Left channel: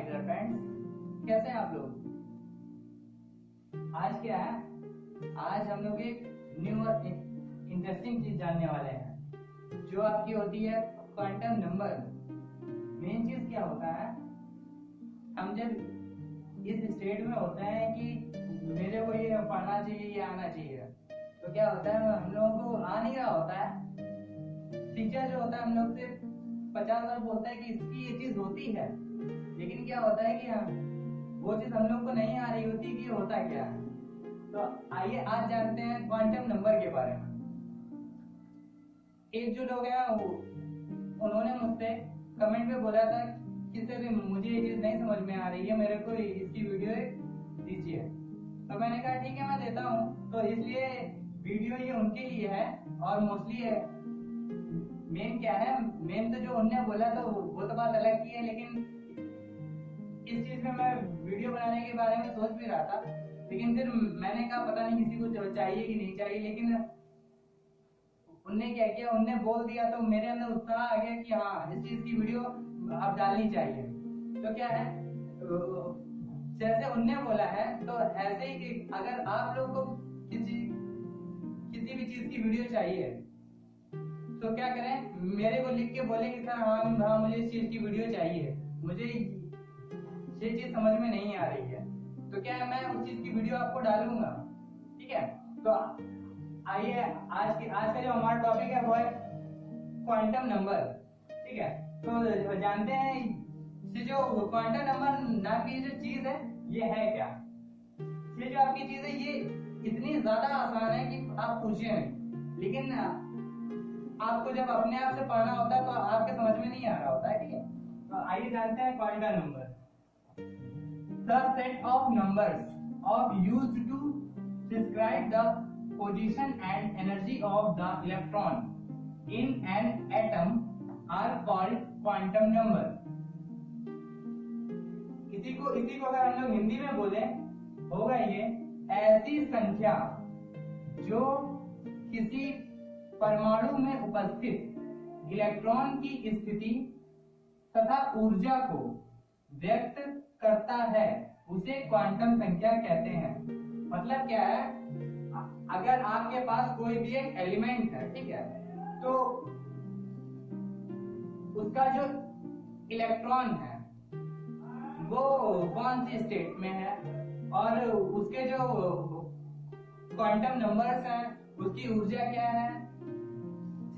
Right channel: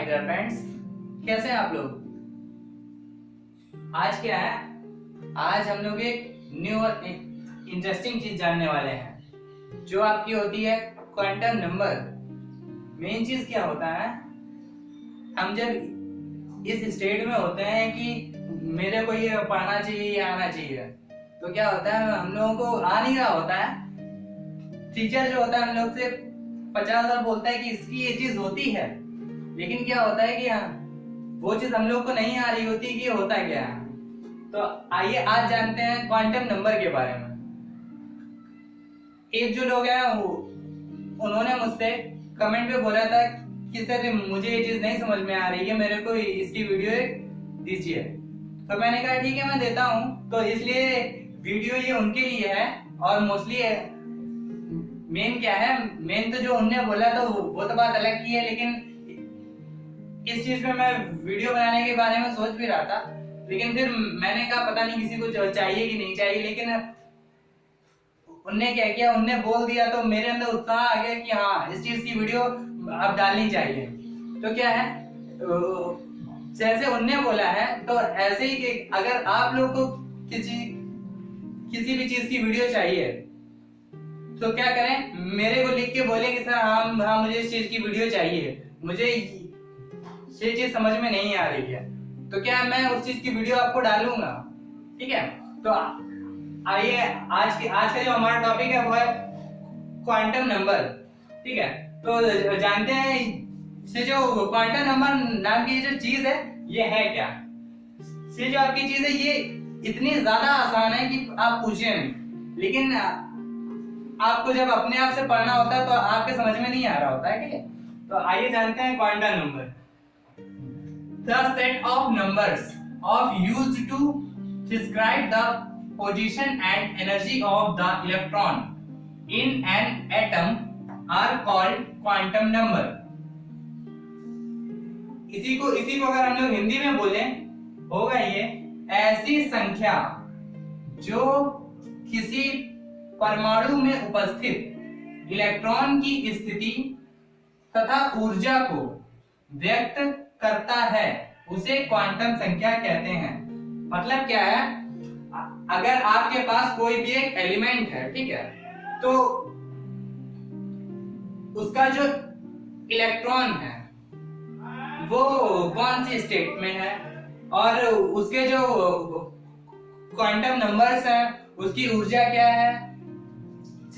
My dear friends, कैसे हैं आप लोग। आज क्या है, आज हम लोग एक न्यू और इंटरेस्टिंग चीज जानने वाले हैं जो आपकी होती है क्वांटम नंबर। मेन चीज क्या होता है, हम जब इस स्टेट में होते हैं कि मेरे को ये पढ़ना चाहिए या आना चाहिए, तो क्या होता है हम लोगों को आ नहीं रहा होता है। टीचर जो होता है हम लोग से 50 बार बोलता है कि इसकी ये चीज होती है, लेकिन क्या होता है कि वो चीज हम लोग को नहीं आ रही होती कि होता क्या है। तो आइए आज जानते हैं क्वांटम नंबर के बारे में। एक जो लोग हैं उन्होंने मुझसे कमेंट पे बोला था कि सर मुझे ये चीज नहीं समझ में आ रही है, मेरे को इसकी वीडियो दीजिए। तो मैंने कहा ठीक है मैं देता हूँ। तो इसलिए वीडियो ये उनके लिए है और मोस्टली मेन क्या है, मेन तो जो उनने बोला तो वो तो बात अलग की है, लेकिन इस चीज में मैं वीडियो बनाने के बारे में सोच भी रहा था, लेकिन फिर मैंने कहा पता नहीं किसी को चाहिए कि नहीं चाहिए, लेकिन उनने क्या किया, उनने बोल दिया तो मेरे अंदर उत्साह आ गया कि हाँ इस चीज की वीडियो अब डालनी चाहिए। तो क्या है, जैसे उनने बोला है तो ऐसे ही कि अगर आप लोग को किसी भी चीज की वीडियो चाहिए तो क्या करें, मेरे को लिख के बोले कि सर हाँ मुझे इस चीज की वीडियो चाहिए, मुझे ये चीज समझ में नहीं आ रही है। तो क्या मैं उस चीज की वीडियो आपको डालूंगा, ठीक है। तो आइए आज का जो हमारा टॉपिक है वो है क्वांटम नंबर, ठीक है। तो जानते हैं ये जो क्वांटम नंबर नाम की जो चीज है ये है क्या। ये जो आपकी चीज है ये इतनी ज्यादा आसान है कि आप पूछिए नहीं, लेकिन आपको जब अपने आप से पढ़ना होता है तो आपके समझ में नहीं आ रहा होता है, ठीक है। तो आइए जानते हैं quantum number. The set of numbers used to describe the position and energy of the electron in an atom are called quantum number। इसी को अगर हम लोग हिंदी में बोले होगा ये ऐसी संख्या जो किसी परमाणु में उपस्थित इलेक्ट्रॉन की स्थिति तथा ऊर्जा को व्यक्त करता है, उसे क्वांटम संख्या कहते हैं। मतलब क्या है, अगर आपके पास कोई भी एक एलिमेंट है, ठीक है, तो उसका जो इलेक्ट्रॉन है वो कौन सी स्टेट में है और उसके जो क्वांटम नंबर्स हैं उसकी ऊर्जा क्या है,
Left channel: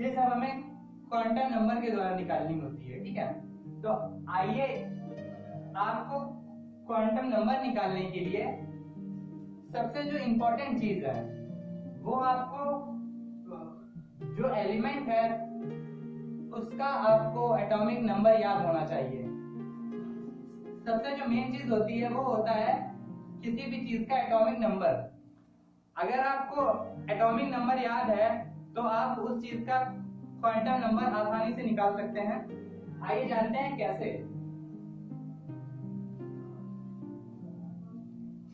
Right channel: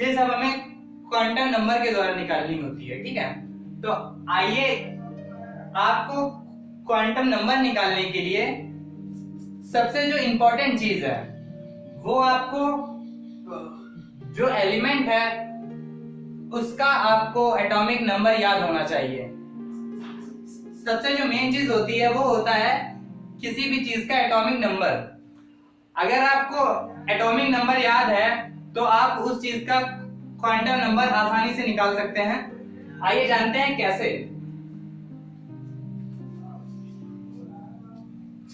ये सब हमें क्वांटम नंबर के द्वारा निकालनी होती है, ठीक है। तो आइए आपको क्वांटम नंबर निकालने के लिए सबसे जो इंपॉर्टेंट चीज है वो आपको जो एलिमेंट है उसका आपको एटॉमिक नंबर याद होना चाहिए। सबसे जो मेन चीज होती है वो होता है किसी भी चीज का एटॉमिक नंबर। अगर आपको एटॉमिक नंबर याद है तो आप उस चीज का क्वांटम नंबर आसानी से निकाल सकते हैं। आइए जानते हैं कैसे।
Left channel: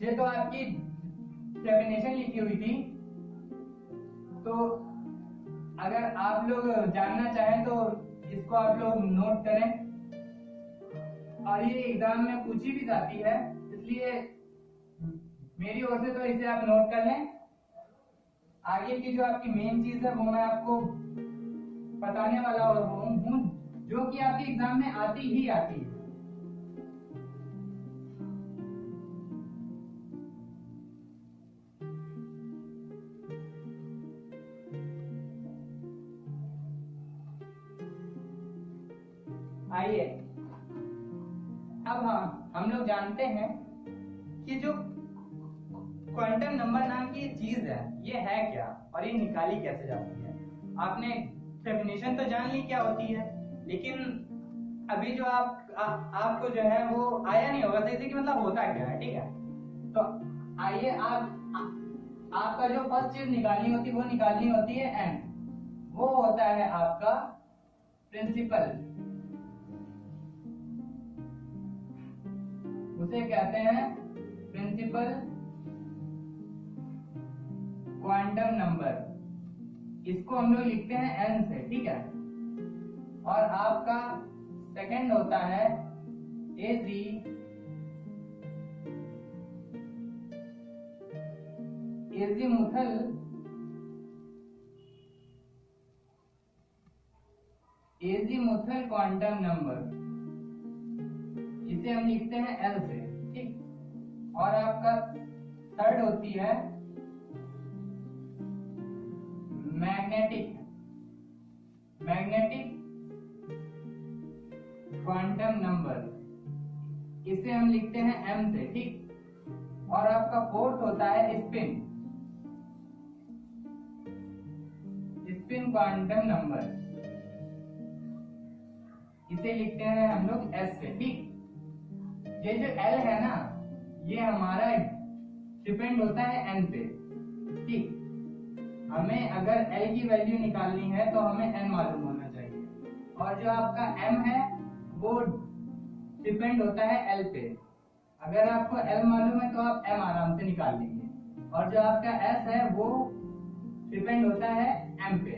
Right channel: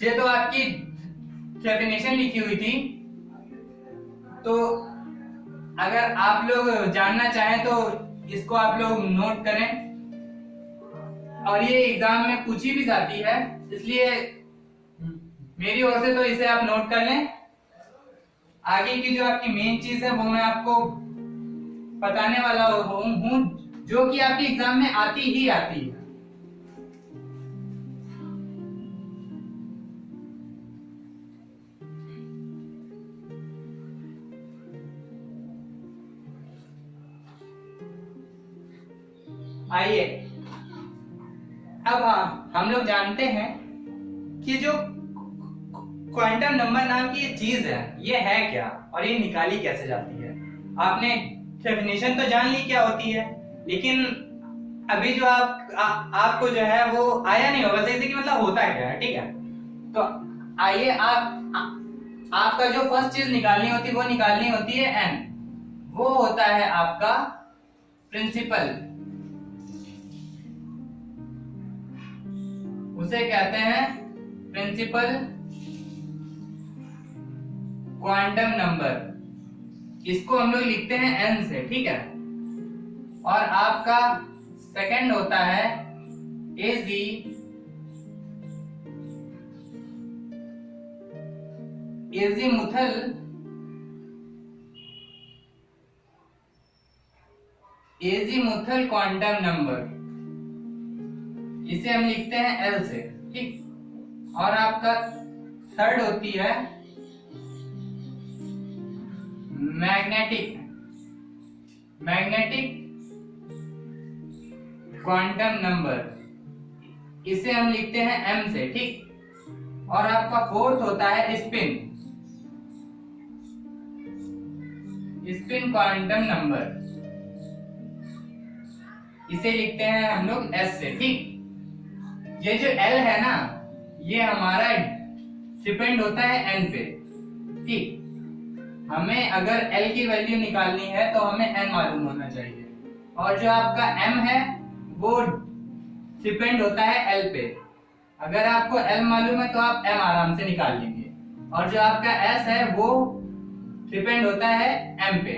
ये तो आपकी डेफिनेशन लिखी हुई थी, तो अगर आप लोग जानना चाहें तो इसको आप लोग नोट करें, और ये एग्जाम में पूछी भी जाती है, इसलिए मेरी ओर से तो इसे आप नोट कर लें। आगे की जो आपकी मेन चीज है वो मैं आपको बताने वाला हूं जो कि आपके एग्जाम में आती ही आती है। आइए अब हम लोग जानते हैं कि जो क्वांटम नंबर नाम की ये चीज है ये है क्या और ये निकाली कैसे जाती है। आपने डेफिनेशन तो जान ली क्या होती है, लेकिन अभी जो आपको जो है वो आया नहीं होगा सही से कि मतलब होता क्या है, ठीक है। तो आइए आपका जो फर्स्ट चीज निकालनी होती है वो निकालनी होती है एन। वो होता है आपका प्रिंसिपल, उसे कहते हैं प्रिंसिपल क्वांटम नंबर। इसको हम लोग लिखते हैं एन से, ठीक है। और आपका सेकंड होता है एजी एजीमुथल क्वांटम नंबर, इसे हम लिखते हैं एल से, ठीक। और आपका थर्ड होती है मैग्नेटिक क्वांटम नंबर, इसे हम लिखते हैं एम से, ठीक। और आपका फोर्थ होता है स्पिन क्वांटम नंबर, इसे लिखते हैं हम लोग एस से, ठीक। ये जो एल है ना, ये हमारा डिपेंड होता है एन पे, ठीक। हमें अगर एल की वैल्यू निकालनी है तो हमें एन मालूम होना चाहिए, और जो आपका एम है वो डिपेंड होता है एल पे। अगर आपको एल मालूम है तो आप एम आराम से निकाल लेंगे, और जो आपका एस है वो डिपेंड होता है एम पे।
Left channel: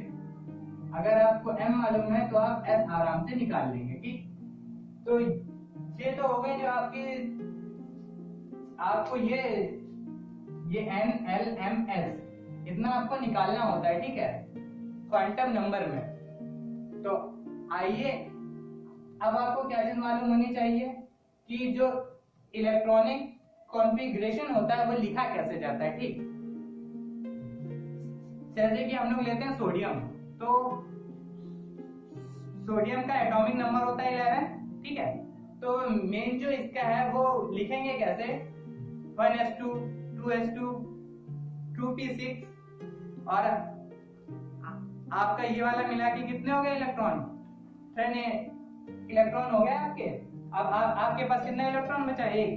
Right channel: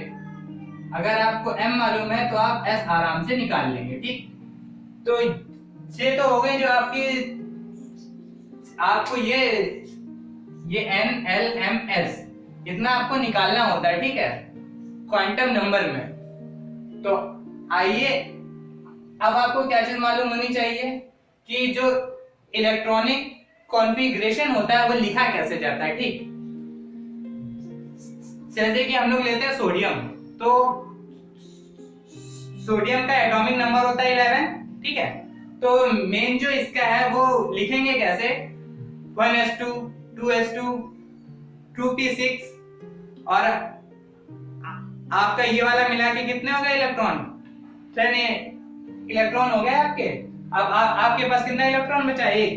अगर आपको एम मालूम है तो आप एस आराम से निकाल लेंगे, ठीक। तो ये तो हो गई जो आपको ये एन एल एम एस इतना आपको निकालना होता है, ठीक है, क्वांटम नंबर में। तो आइए अब आपको क्या चीज मालूम होनी चाहिए कि जो इलेक्ट्रॉनिक कॉन्फ़िगरेशन होता है वो लिखा कैसे जाता है, ठीक। जैसे कि हम लोग लेते हैं सोडियम, तो सोडियम का एटॉमिक नंबर होता है 11, ठीक है। तो मेन जो इसका है वो लिखेंगे कैसे, 1s2 2s2 2p6, और आपका ये वाला मिला के कितने हो गए इलेक्ट्रॉन, 10 इलेक्ट्रॉन हो गए आपके। अब आपके पास कितना इलेक्ट्रॉन बचा, एक।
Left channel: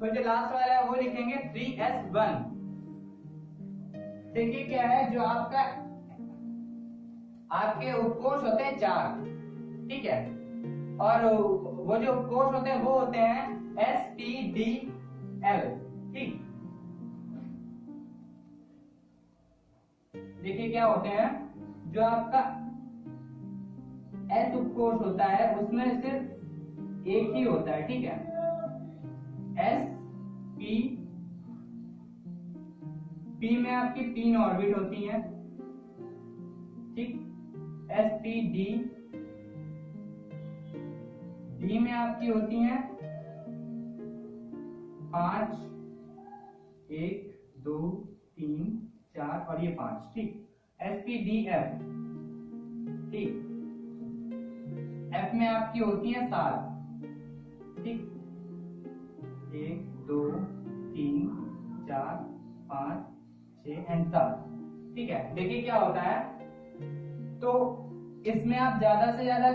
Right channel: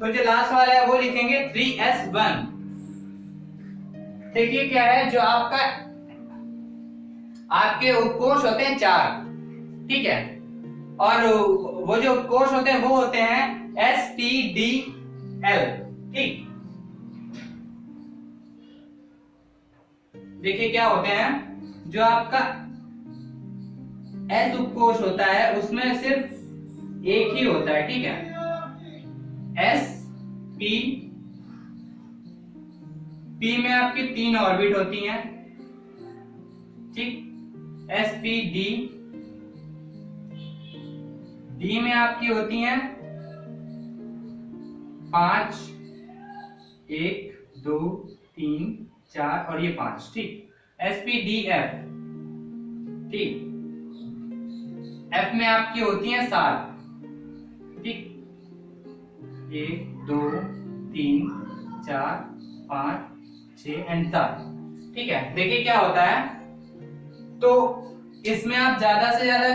तो जो लास्ट वाला है वो लिखेंगे 3s1। देखिए क्या है, जो आपके उपकोष होते हैं 4, ठीक है, और वो जो कोष होते हैं वो होते हैं SPDL, ठीक। देखिए क्या होते हैं, जो आपका S उपकोष होता है उसमें सिर्फ एक ही होता है, ठीक है, P में आपकी 3 ऑर्बिट होती हैं, ठीक। SPD D में आपकी होती हैं 5, 1 2 3 4 और ये 5, ठीक। SPDF, ठीक। F में आपकी होती हैं 7, ठीक, 1 2 3 4 5 6 एंड 7, ठीक है। देखिए क्या होता है, तो इसमें आप ज्यादा से ज्यादा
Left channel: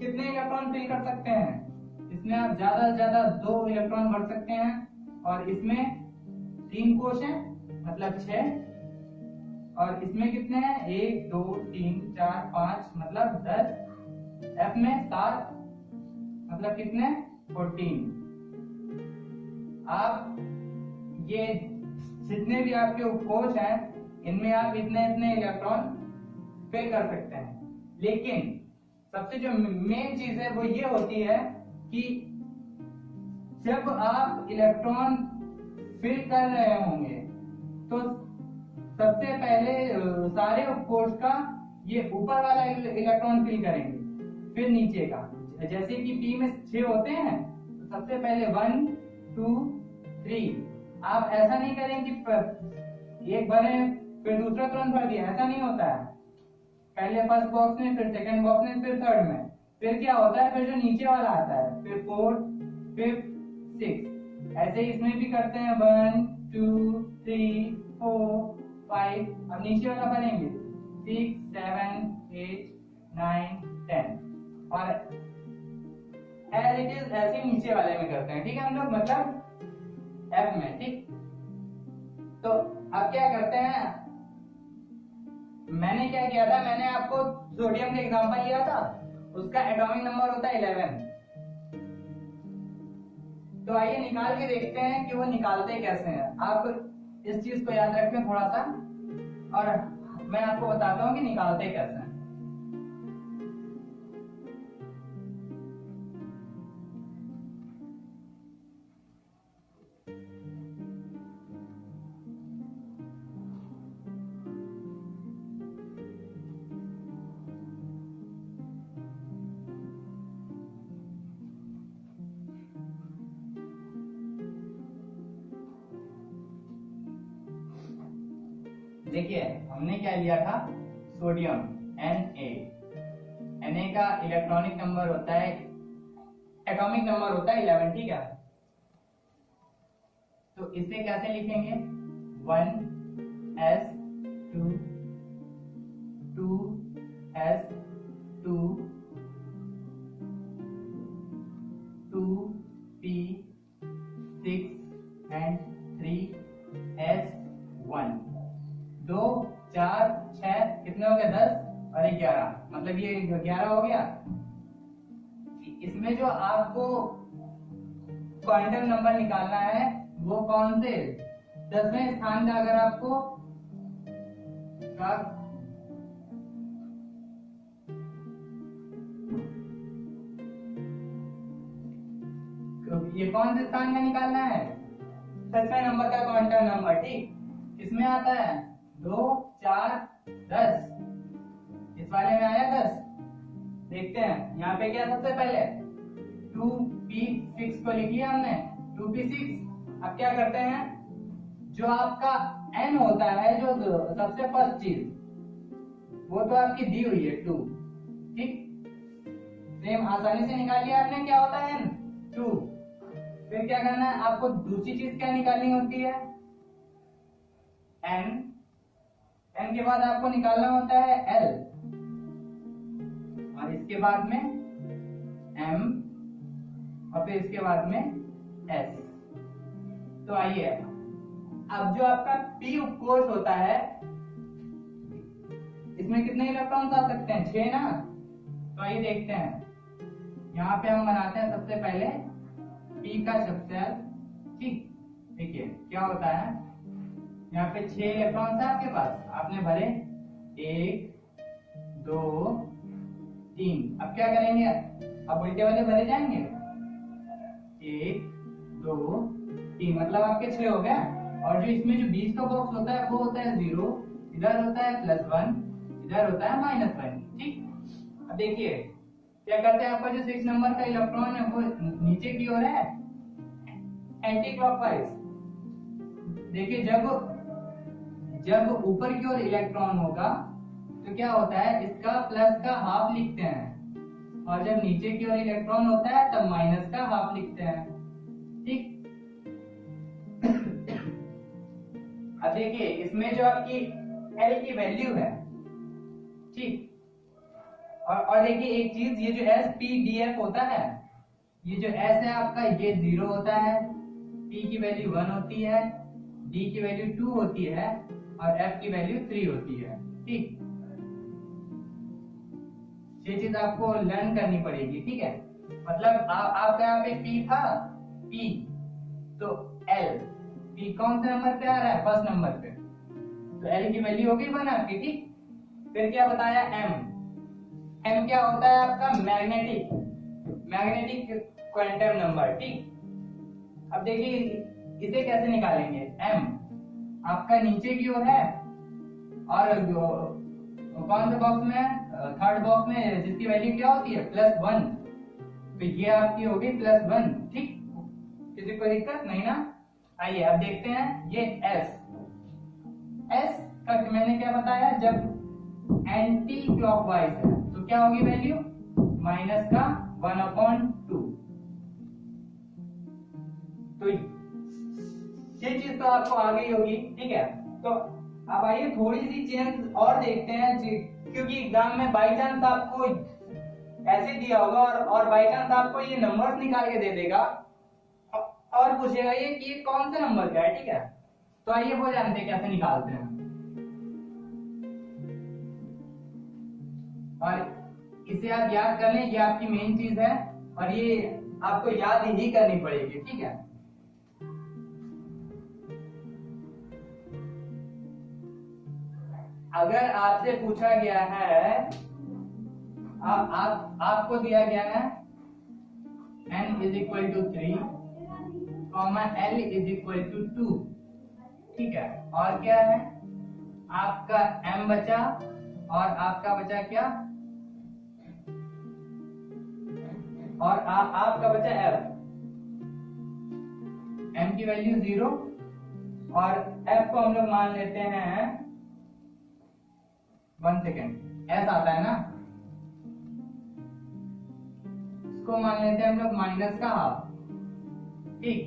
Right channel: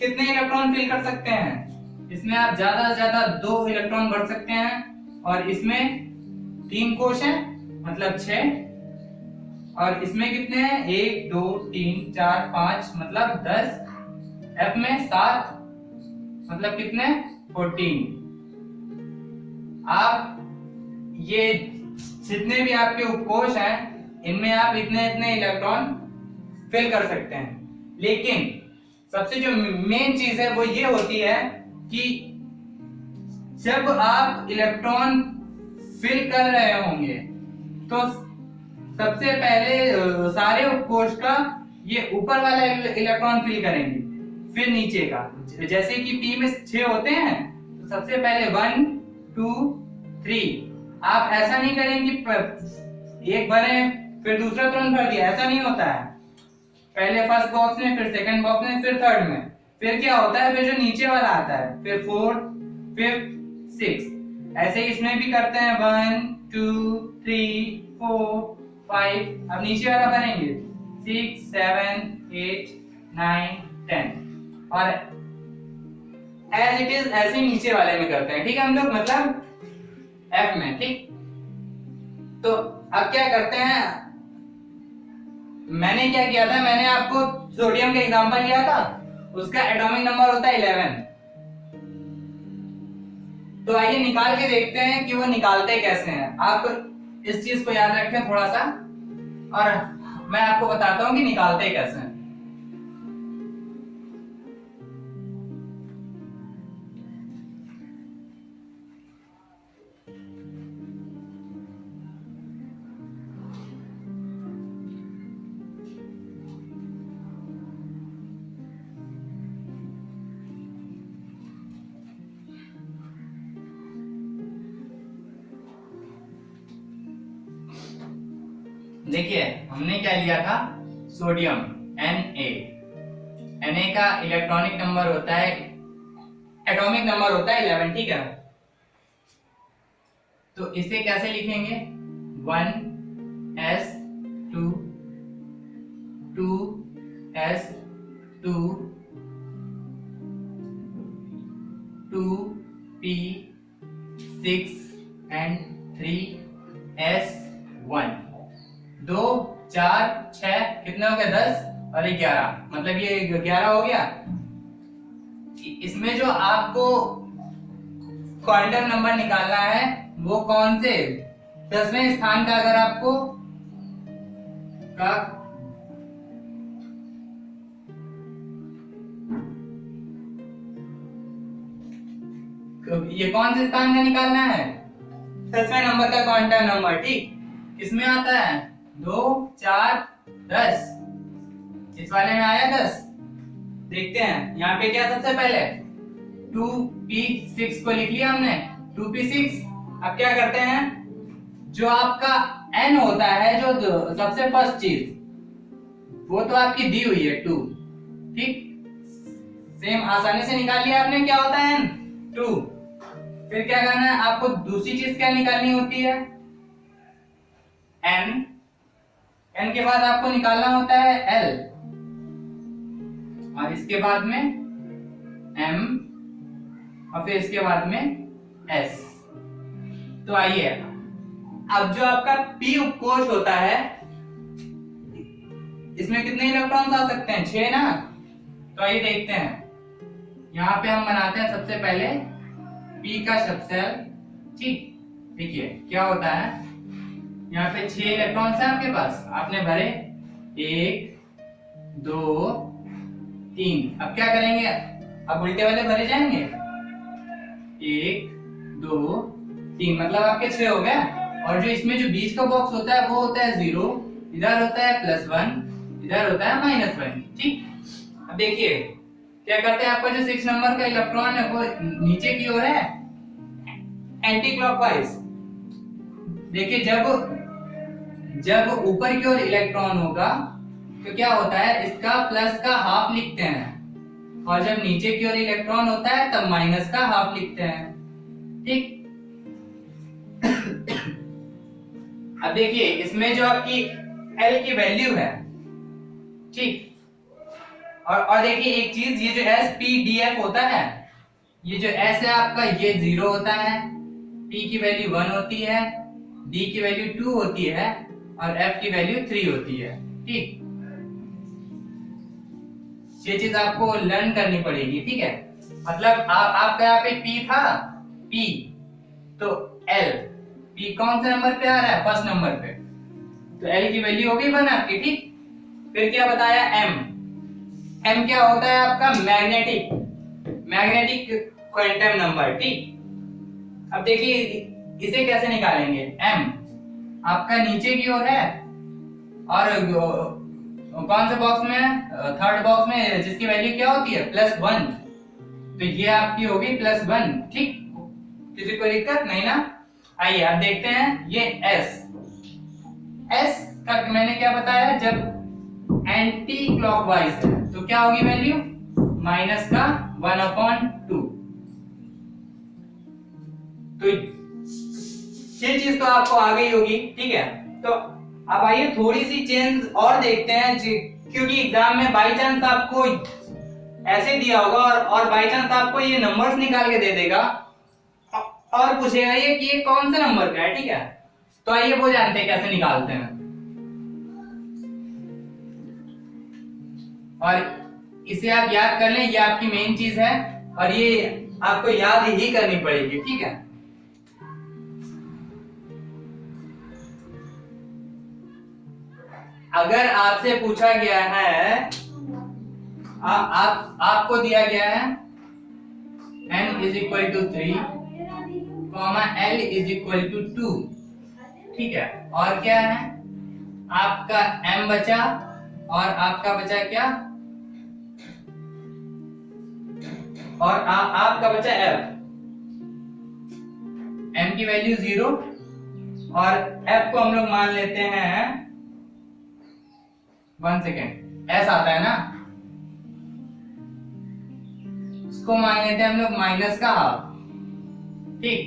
कितने इलेक्ट्रॉन फिल कर सकते हैं, इसमें आप ज्यादा से ज्यादा 2 इलेक्ट्रॉन भर सकते हैं, और इसमें 3 कोश हैं मतलब 6, और इसमें कितने हैं 1 2 3 4 5 मतलब 10, F में 7 मतलब कितने 14। आप ये जितने भी आपके उपकोष हैं इनमें आप इतने इतने इलेक्ट्रॉन फिल कर सकते हैं, लेकिन सबसे जो मेन चीज है वो ये होती है कि जब आप इलेक्ट्रॉन फिल कर रहे होंगे तो सबसे पहले सारे उपकोष का ये ऊपर वाला इलेक्ट्रॉन फिल करेंगे, फिर नीचे का। जैसे कि P में 6 होते हैं तो सबसे पहले 1 2 3, आप ऐसा नहीं करेंगे एक भरे फिर दूसरा तुरंत भर दिया, ऐसा नहीं होता है। पहले फर्स्ट बॉक्स में, फिर सेकंड बॉक्स में, फिर थर्ड में, फिर क्या होता है, फिर जो नीचे वाला आता है, फिर 4 5 6, ऐसे ही इसमें भी करते हैं 1 2 3 4 5। अब नीचे वाला भरेंगे 6 7 8 9 10, और एज इट इज ऐसे ही नीचे वाले में करते हैं, ठीक है हम लोग, मतलब F में, ठीक। तो अब क्या करते हैं, मैंने क्या किया था, मैंने आपको सोडियम का एग्जांपल लिया था, उसका एटॉमिक नंबर होता है 11। तो आइए निकाल के देखते हैं कि वो निकालते कैसे हैं। आप इस चीज को याद रखें थोड़ा सा, और मैं आपको बताता हूं कि निकालते कैसे हैं। देखिए हमने क्या लिया था, सोडियम Na। Na का इलेक्ट्रॉनिक नंबर होता है, एटॉमिक नंबर होता है 11, ठीक है। तो इसे कैसे लिखेंगे, 1s2 2s2 2p6 and 3s1। 2 4 6 कितने हो गए, 10 और 11, मतलब ये 11 हो गया। इसमें जो आपको क्वांटम नंबर निकालना है वो कौन से 10वें स्थान का, अगर आपको का ये कौन से स्थान का निकालना है, 10वें नंबर का क्वांटम नंबर, ठीक। किसमें आता है, 2 4 10, इस वाले में आया 10। देखते हैं यहाँ पे क्या, सबसे पहले 2p6 को लिख लिया हमने, 2p6। अब क्या करते हैं, जो आपका n होता है, जो सबसे फर्स्ट चीज, वो तो आपकी दी हुई है 2, ठीक। सेम आसानी से निकाल लिया आपने, क्या होता है n, 2। फिर क्या करना है आपको, दूसरी चीज क्या निकालनी होती है, n। n के बाद आपको निकालना होता है l, और इसके बाद में m, और फिर इसके बाद में s। तो आइए, अब जो आपका p उपकोष होता है, इसमें कितने इलेक्ट्रॉन्स आ सकते हैं, 6 ना। तो आइए देखते हैं, यहाँ पे हम बनाते हैं सबसे पहले p का सबसेल, ठीक। देखिए क्या होता है, यहाँ पे 6 इलेक्ट्रॉन्स है आपके पास, आपने भरे 1 2 3। अब क्या करेंगे, अब उल्टे वाले भरे जाएंगे, 1 2 3, मतलब आपके 6 हो गए। और जो इसमें जो बीच का बॉक्स होता है वो होता है 0, इधर होता है +1, इधर होता है -1, ठीक। अब देखिए क्या करते हैं, आपका जो 6 नंबर का इलेक्ट्रॉन है वो नीचे की ओर है, एंटी क्लॉकवाइज। देखिए जब ऊपर की ओर इलेक्ट्रॉन होगा तो क्या होता है, इसका प्लस का हाफ लिखते हैं, और जब नीचे की ओर इलेक्ट्रॉन होता है तब माइनस का हाफ लिखते हैं, ठीक। अब देखिए इसमें जो आपकी L की वैल्यू है, ठीक। और देखिए एक चीज, ये जो SPDF होता है, ये जो S है आपका, ये 0 होता है, P की वैल्यू 1 होती है, D की वैल्यू 2 होती है, और F की वैल्यू 3 होती है, ठीक। ये चीज आपको लर्न करनी पड़ेगी, ठीक है। मतलब आपका यहाँ पे P था, P तो L, P कौन से नंबर पे आ रहा है, फर्स्ट नंबर पे, तो L की वैल्यू होगी 1 आपकी, ठीक। फिर क्या बताया, M क्या होता है आपका, मैग्नेटिक क्वांटम नंबर, ठीक। अब देखिए इसे कैसे निकालेंगे, M आपका नीचे की ओर है, और कौन से बॉक्स में है, थर्ड बॉक्स में, जिसकी वैल्यू क्या होती है, +1, तो ये आपकी होगी +1, ठीक। किसी को दिक्कत नहीं ना। आइए अब देखते हैं ये S का मैंने क्या बताया, जब एंटी क्लॉकवाइज है तो क्या होगी वैल्यू, माइनस का 1/2। तो ये चीज तो आपको आ गई होगी, ठीक है। तो अब आइए थोड़ी सी चेंज और देखते हैं, क्योंकि एग्जाम में बाई चांस आपको ऐसे दिया होगा और बाई चांस आपको ये नंबर्स निकाल के दे देगा और पूछेगा ये कि ये कौन से नंबर का है, ठीक है। तो आइए वो जानते हैं कैसे निकालते हैं, और इसे आप याद कर लें, ये आपकी मेन चीज है, और ये आपको याद ही करनी पड़ेगी, ठीक है। अगर आपसे पूछा गया है, आपको दिया गया है n = 3, L = 2, ठीक है। और क्या है, आपका m बचा, और आपका बचा क्या, और आपका बचा F। m की वैल्यू 0, और F को हम लोग मान लेते हैं 1 सेकेंड, एस आता है ना, इसको मान लेते हैं हम लोग माइनस का हाफ। ठीक,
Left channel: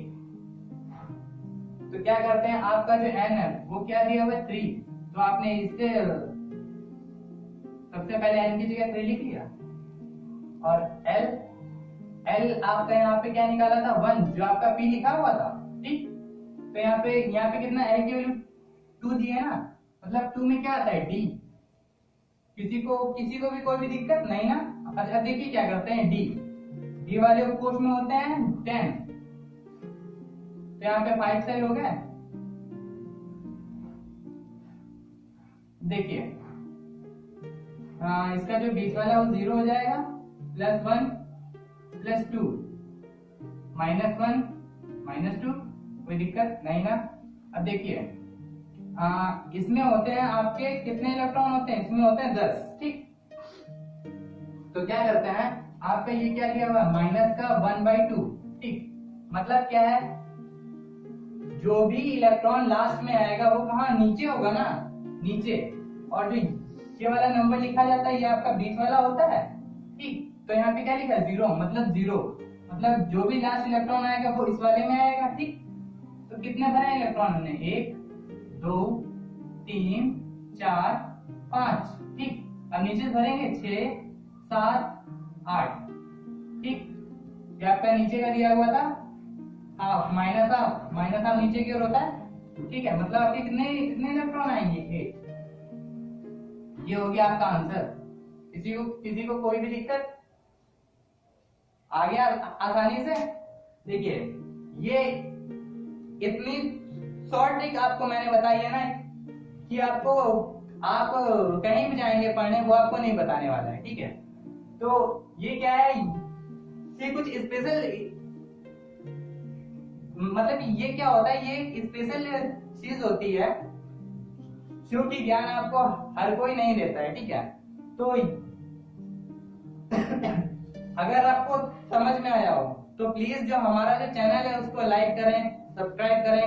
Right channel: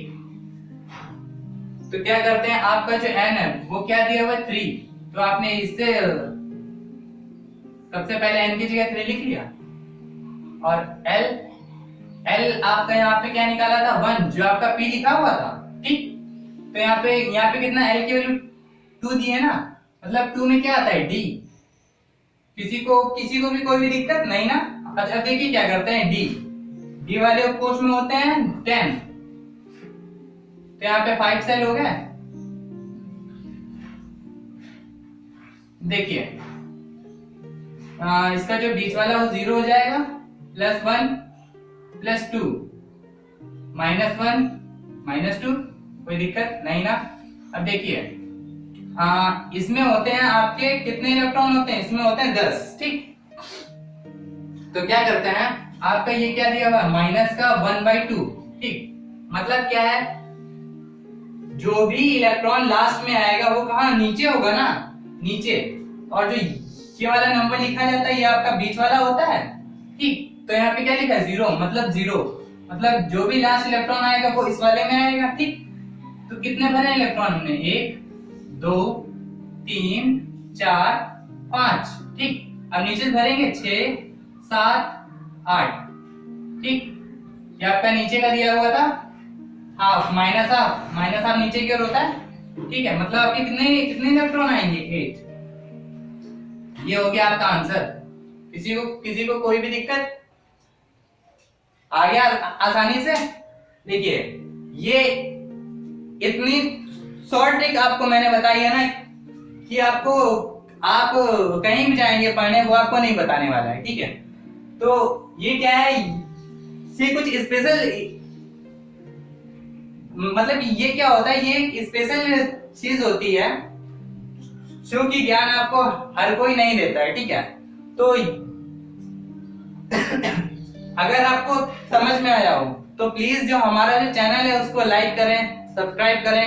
तो क्या करते हैं, आपका जो एन है वो क्या दिया हुआ है 3, तो आपने इससे सबसे पहले एन की जगह 3 लिख लिया, और एल आपका यहाँ पे क्या निकाला था 1, जो आपका पी लिखा हुआ था। ठीक, तो यहाँ पे कितना, एल की वैल्यू 2 दी है ना, मतलब 2 में क्या आता है डी। किसी को भी कोई भी दिक्कत नहीं ना। अच्छा देखिए क्या करते हैं, डी वाले कोष में होते हैं 10, तो यहाँ पे 5 सेल हो गए। देखिए इसका जो बीच वाला वो 0 हो जाएगा, +1 +2 -1 -2, कोई दिक्कत नहीं ना। अब देखिए इसमें होते हैं आपके कितने इलेक्ट्रॉन होते हैं, इसमें होते हैं 10। ठीक, तो क्या करते हैं, आपका ये क्या दिया हुआ माइनस का 1/2। ठीक, मतलब क्या है, जो भी इलेक्ट्रॉन लास्ट में आएगा वो कहाँ, नीचे होगा ना, नीचे, और जो ये वाला नंबर लिखा जाता है ये आपका बीच वाला होता है। ठीक, तो यहाँ पे क्या लिखा है 0, मतलब 0, मतलब जो भी लास्ट इलेक्ट्रॉन आएगा वो इस वाले में आएगा। ठीक, तो कितने भरे इलेक्ट्रॉन हमने, 1 2 3 4 5। ठीक, अब नीचे भरेंगे 6 7 8। ठीक, ये आपका नीचे का दिया हुआ था हाफ, माइनस हाफ नीचे की ओर होता है। ठीक है, मतलब आपके कितने इलेक्ट्रॉन आएंगे, 8। ये हो गया आपका आंसर। किसी को कोई भी दिक्कत आ गया आसानी से। देखिए ये इतनी शॉर्ट ट्रिक आपको मैंने बताई है ना, कि आप कहीं भी जाएंगे पढ़ने वो आपको नहीं बताने वाला है। ठीक है, तो ये क्या है, ये कुछ स्पेशल, मतलब ये क्या होता है, ये स्पेशल चीज होती है जो कि ज्ञान आपको हर कोई नहीं देता है। ठीक है, तो अगर आपको समझ में आया हो तो प्लीज जो हमारा जो चैनल है उसको लाइक करें, सब्सक्राइब करें,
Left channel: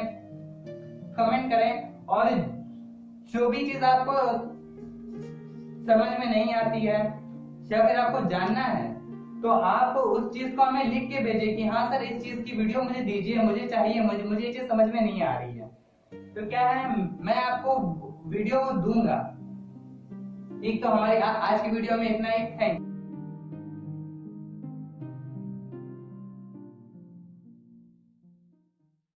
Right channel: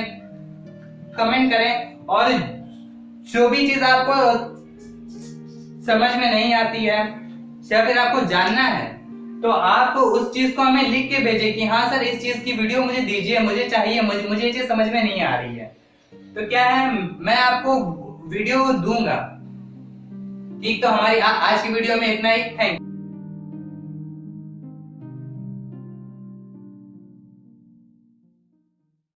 कमेंट करें, और जो भी चीज आपको समझ में नहीं आती है या फिर आपको जानना है तो आप उस चीज को हमें लिख के भेजें कि हाँ सर इस चीज की वीडियो मुझे दीजिए, मुझे चाहिए, मुझे ये चीज समझ में नहीं आ रही है। तो क्या है, मैं आपको वीडियो दूंगा। ठीक, तो हमारी आज की वीडियो में इतना ही। Thank you.